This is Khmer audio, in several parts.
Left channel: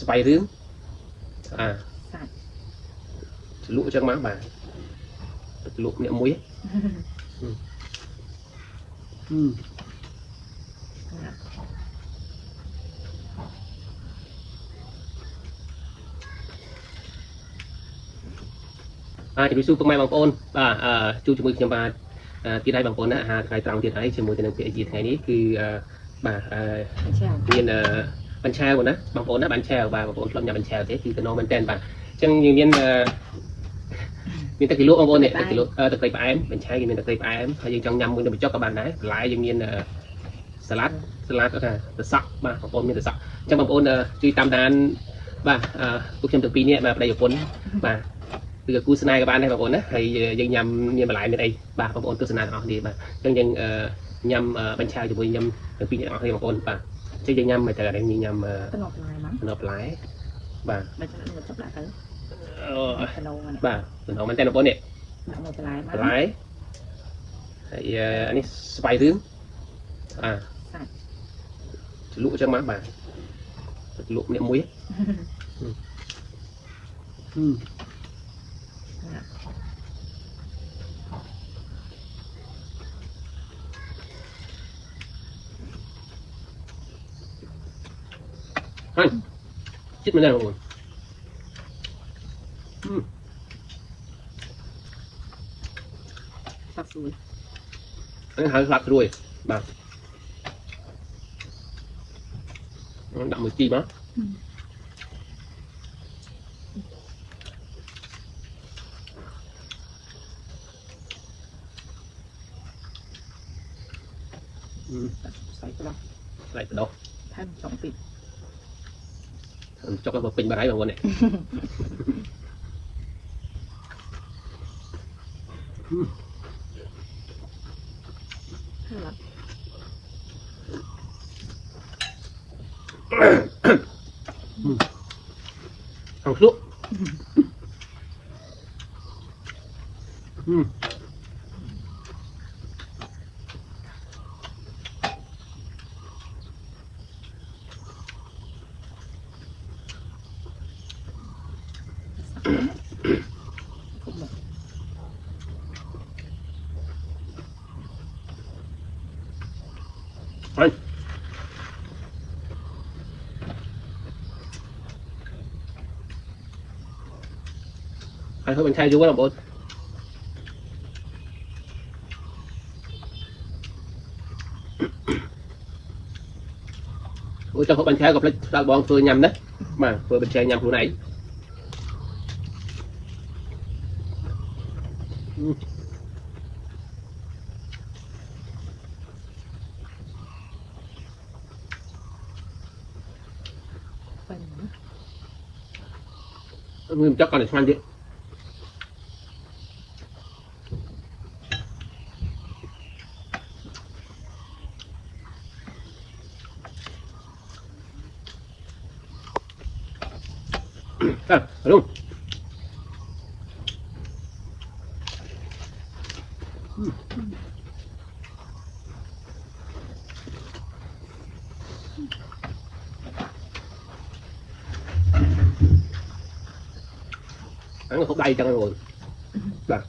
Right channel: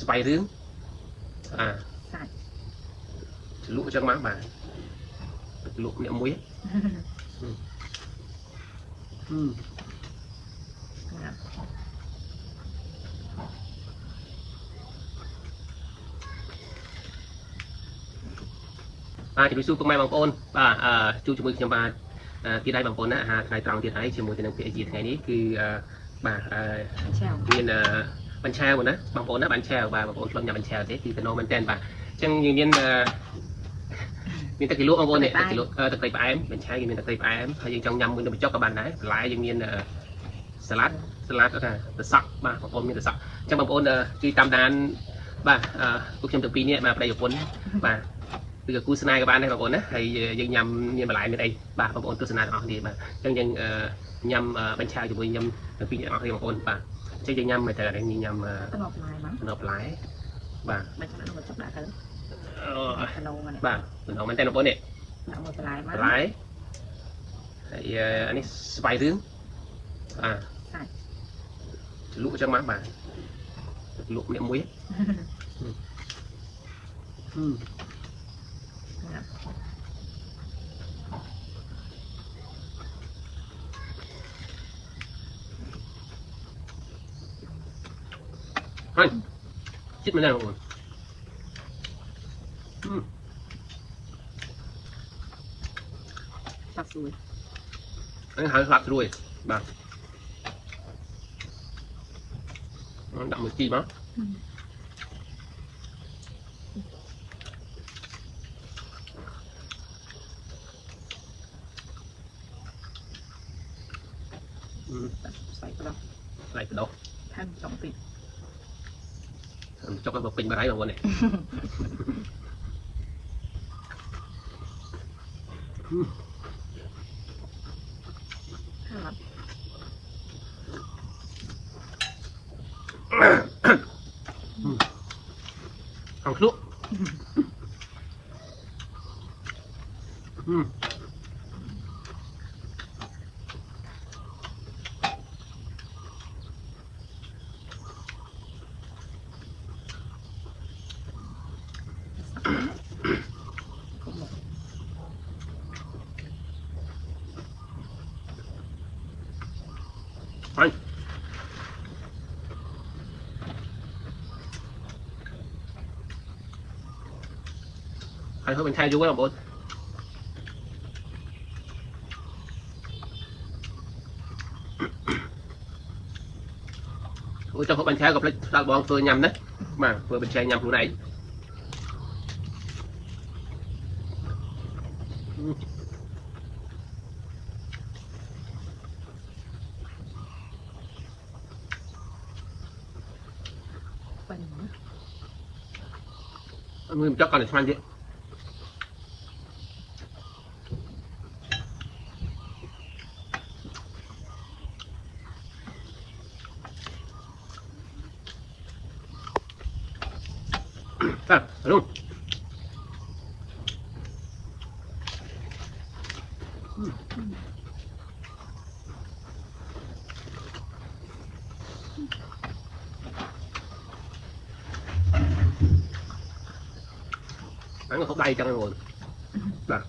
ស្បៃរឿងលក់ចឹងមកបាទលក់អ្នកមួយជំរាបសួរពុកម៉ែបងប្អូនបាទជួបជាមួយខ្ញុំបាទទៀតហើយបងប្អូនណាថ្ងៃត្រង់ទៀតហើយជាមួយទៅនឹងពាក្យជាថ្ងៃនេះគឺបាទមានបញ្ឆាវណាបងប្អូនណាបញ្ឆាវបាទបងប្អូនធ្លាប់ញ៉ាំបញ្ឆាវទេគឺទៅនំមែនតើបាទអញ្ចឹងយើងមានទឹកគីឡូបងប្អូននេះទឹកគីឡូទឹកត្រីផ្អែមបញ្ឆាវគេមានទឹកត្រីផ្អែមហើយយើងចង់ញ៉ាំមួយនៅបញ្ចុកក៏បានដែរបន្លែយើងមានសាឡាត់គាត់ថាទៅសក់បាទបងប្អូនមានទៅសក់អញ្ចឹងបងប្អូនជួយតាមដានបាទពួកខ្ញុំទាំងពីរនេះបាទប្តីប្រពន្ធបាទគឺគូស្នេហ៍ក៏បានដែរបងប្អូនណាហើយយើងញ៉ាំមានបន្លែមានអីបាទបងប្អូនទស្សនាទាំងអស់នេះបាទអញ្ចឹងយើងញ៉ាំបញ្ឆាវជាមួយញ៉ាំទាំងពីរអ្នកអស់គ្នាបងប្អូនបាទអញ្ចឹងយើងញ៉ាំមិនទៅតែយើងញ៉ាំតំណបន្លែបាទបាទតំណមែនតើបងប្អូននេះបន្លែហើយអានេះស្បៃរឿងលក់ចឹងមកបាទលក់អ្នកមួយហើយជិតមែនទេបងប្អូនស្លាប់ស្រួយនេះហើយស្លាប់ស្រួយបាទដាក់មួយជីមកใส่กระดกท่าน2 ปีចុកឲ្យពេញបាត់ហើយបងប្អូននេះខាងស្លក់ហើយធ្វើបញ្ឆាយយូរបងប្អូនអូចង់ធ្វើបញ្ឆាយក៏ផ្លេចស្ដាល់បងធ្វើញ៉ាំណាបាទធ្វើបញ្ឆាយញ៉ាំខ្លួនឯងมือจักกันเลยช่างดิลุงăn nó không đầy cho rồi bà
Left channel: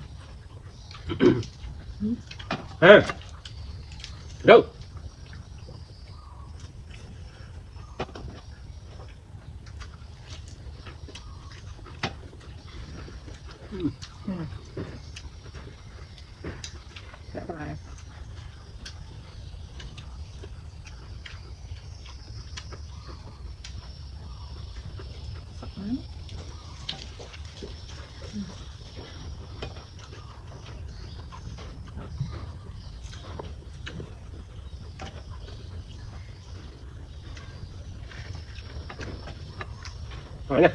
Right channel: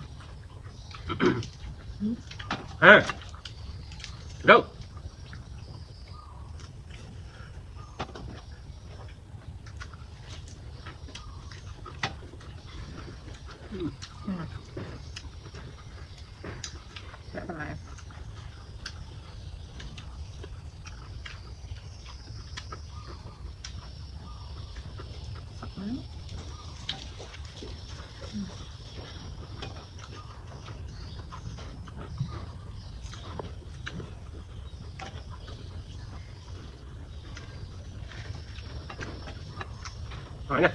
đâu rồi nè